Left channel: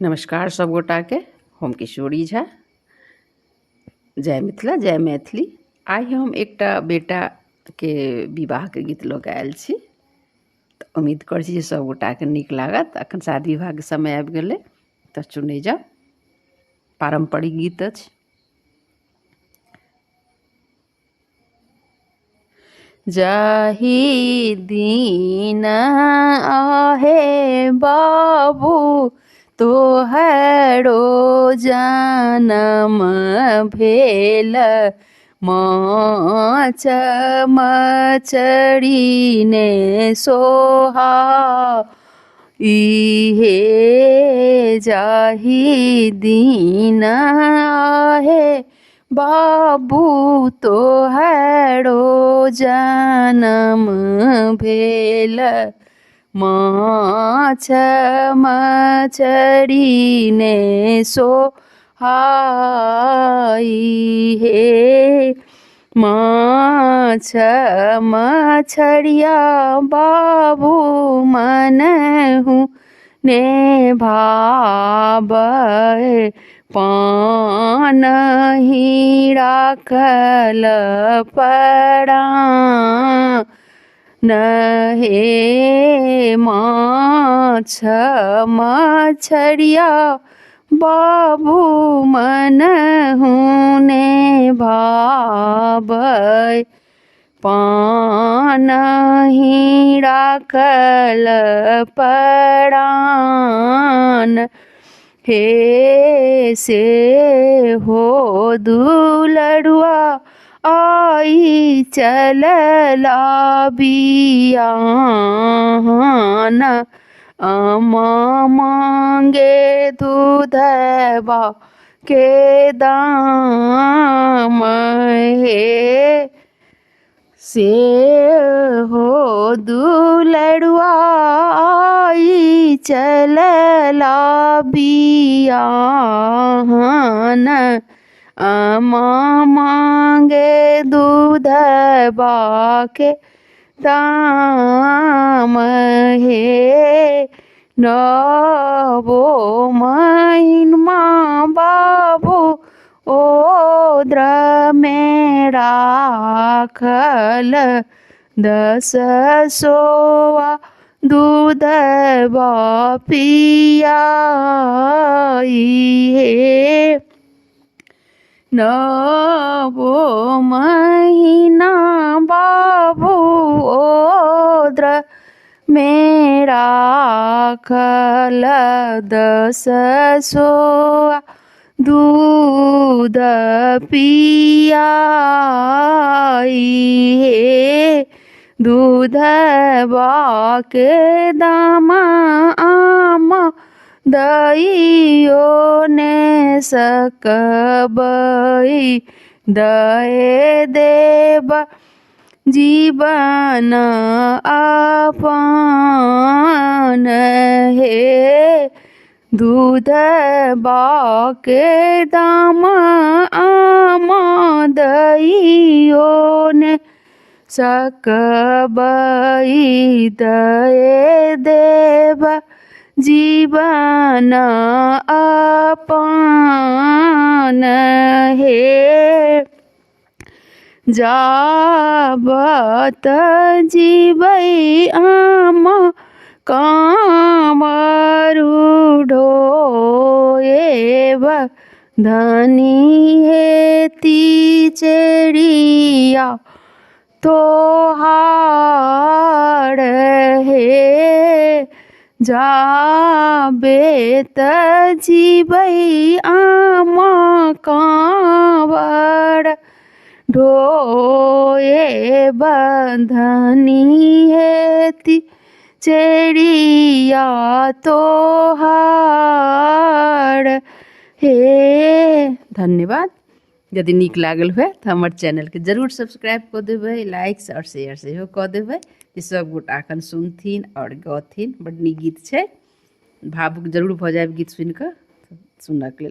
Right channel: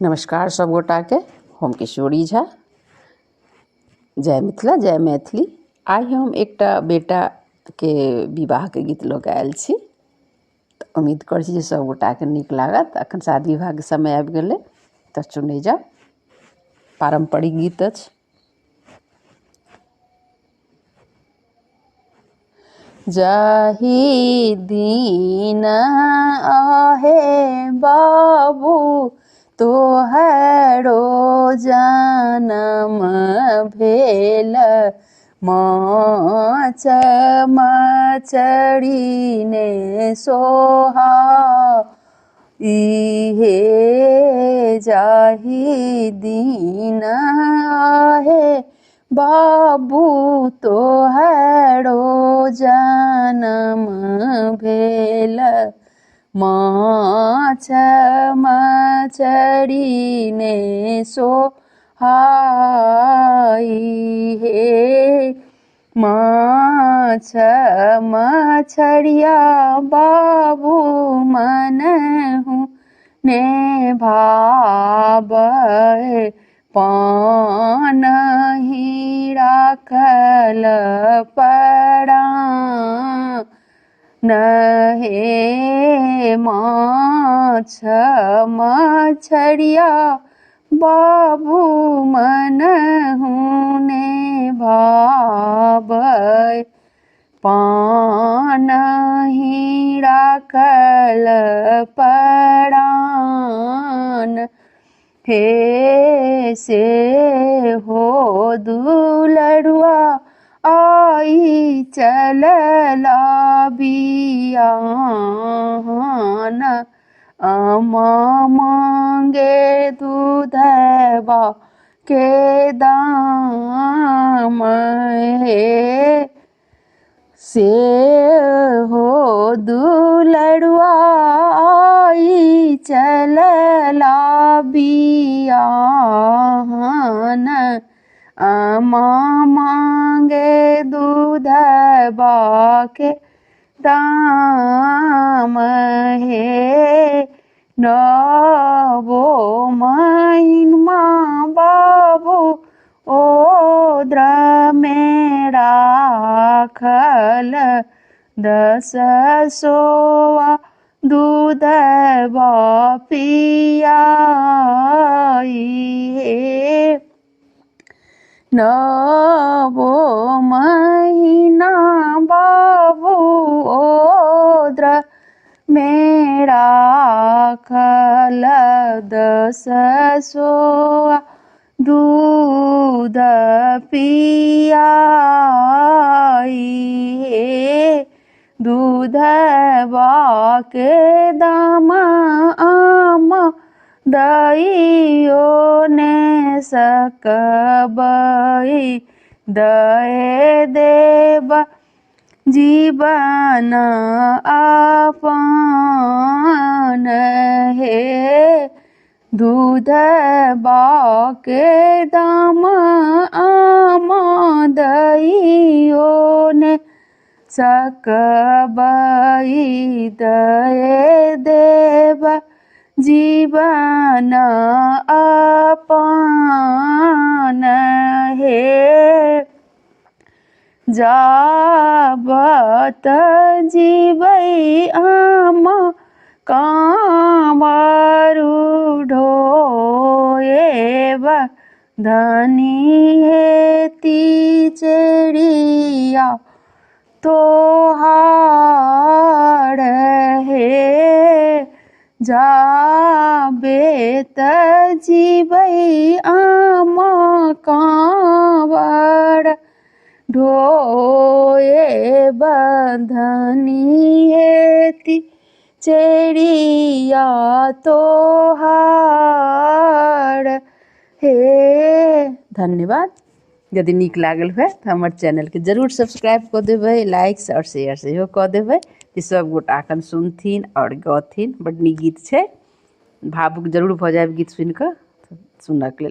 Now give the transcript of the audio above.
नमस्कार सब गोटा के, हम किशोरी झा। जय मिथिला जय मैथिली। आइ हम एकटा बेटा के विवाह के गीत लऽ के आयल छी। तऽ उम्मीद करै छी जे सब गोटा के नीक लागत। अखन शादी विवाह के समय आबि गेलै तऽ सुनै जाउ। पारंपरिक गीत अछि। जाहि दिन आहे बाबू तोहरो जनम भेल, माछ मछरी ने सोहा इहे जाहि दिन आहे बाबू तोहरो जनम भेल, माछ मछरी ने सोहाई हे। माछ मछरिया बाबू मनहु ने भावै, पान ही राखल परान हे। माछ मछरिया बाबू मनहु ने भावै, पान ही राखल परान हे। से हो दुलरुआ आई चलला बियाहन, अमा मांगे दूधवा के दाम हे। से हो दुलरुआ आई चलला बियाहन, अमा मांगे दूधवा के दाम हे। नवो महिनमा बाबू ओद्र में राखल, 10 सोआ दूधवा पियाई हे। नवो महीना बाबू ओद्र में राखल, 10 सोआ दूध पियाई हे। दूधवा के दामा आमा दैयो ने सकबै, दए देब जीवन अपन हे। दूधवा के दामा आमा दैयो ने सकबै, दए देब जीवन अपन हे। जाबत जीबै आमा कांवरु ढोएब, धनी हेती चेरिया तोहार हे। जाबेत जीबै आमा कांवर ढोएब, धनी हेती चेरिया तोहार हे। धन्यवाद। यदि नीक लागल हुए तो हमर चैनल के जरूर सब्सक्राइब कर देबै, लाइक और शेयर सेहो कर देबै, जे सब गोटा अखन सुनथिन और गथिन। बड़ नीक गीत छै, भावुक जरूर भऽ जायब गीत सुनि कऽ। सुनक लेल